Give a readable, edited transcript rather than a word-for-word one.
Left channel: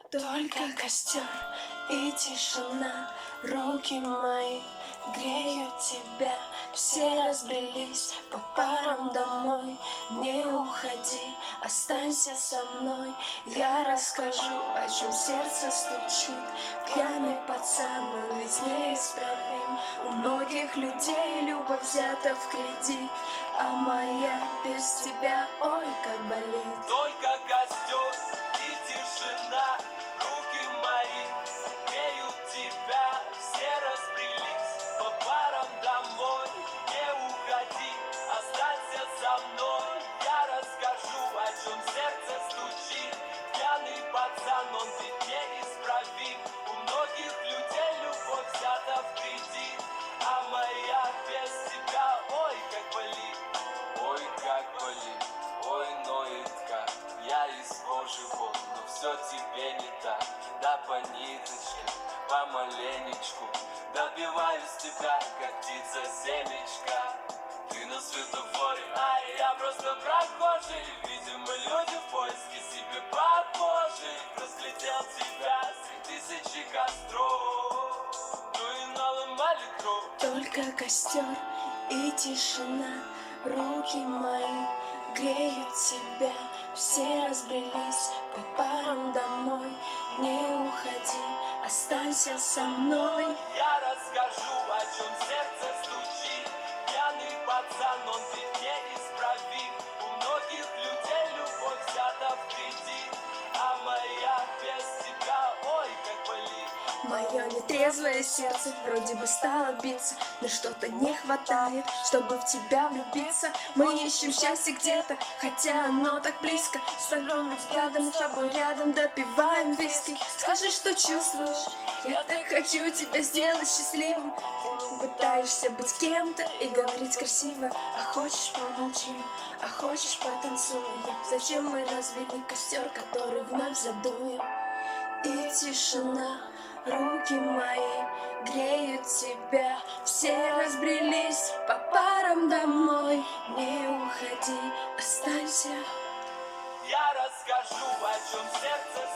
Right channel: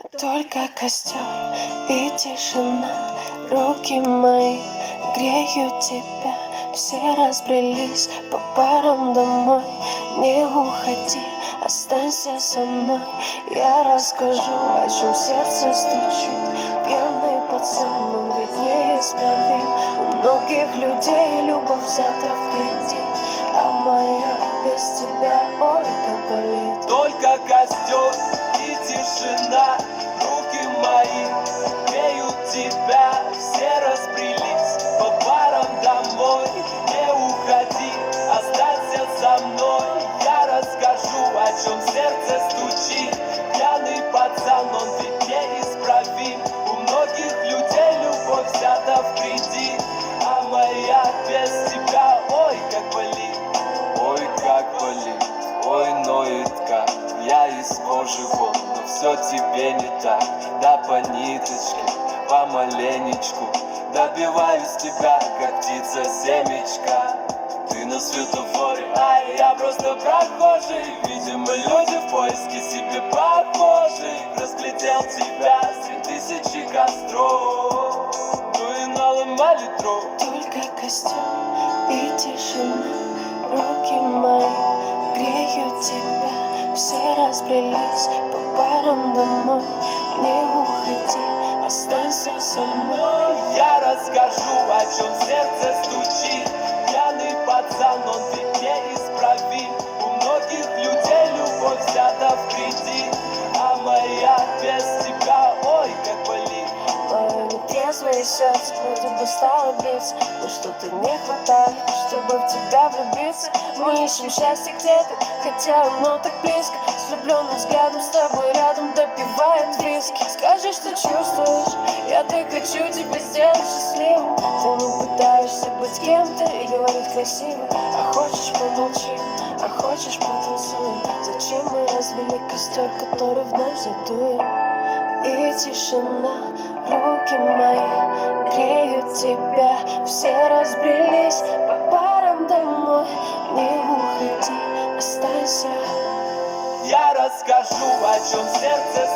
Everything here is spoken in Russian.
Только костер и тишина, руки мои греют тебя. Все разбрелись по парам домой. Не уходи, останься со мной. Я расскажу, о чем сердце стучит. Пьяный пацан, он ведь неисправим. У многих людей любовь взята в кредит, а моя без тебя, ой, как болит. Только костер и тишина, руки мои греют тебя. Все разбрелись по парам домой. Не уходи, останься со мной. Я расскажу, о чем сердце стучит. Пьяный пацан, он ведь неисправим. У многих людей любовь взята в кредит, а моя без тебя, ой, как болит. Ой, как болит, ой, ноет как. Я из кожи вон, но все тебе не так. Да по ниточке, помаленечку добиваюсь тебя, как птица семечка. Ты на светофоре, а я просто прохожий. Видимо, люди в поиске себе похожих. Разглядел тебя среди тысячи костров. Ну и наломали дров. Только костер и тишина, руки мои греют тебя. Все разбрелись по парам домой. Не уходи, останься со мной. Я расскажу, о чем сердце стучит. Пьяный пацан, он ведь неисправим. У многих людей любовь взята в кредит, а моя без тебя, ой, как болит. Мое нетрезвое сердце вроде бы стало биться, но что-то не хватает, чтобы в тебя влюбиться. Мы ищем счастье где-то, хотя оно так близко. С влюбленным взглядом с тобой рядом допиваем виски. Скажи, что чувствуешь, я так хочу тебя сделать счастливым. Ты не пытаешься быть кем-то и говорить красиво. А хочешь помолчи, а хочешь потанцуем. Зачем мы развели костер, который вновь задуем? И тишина, руки мои греют тебя. Все разбрелись по парам домой. Не уходи, останься. Я расскажу, о чем сердце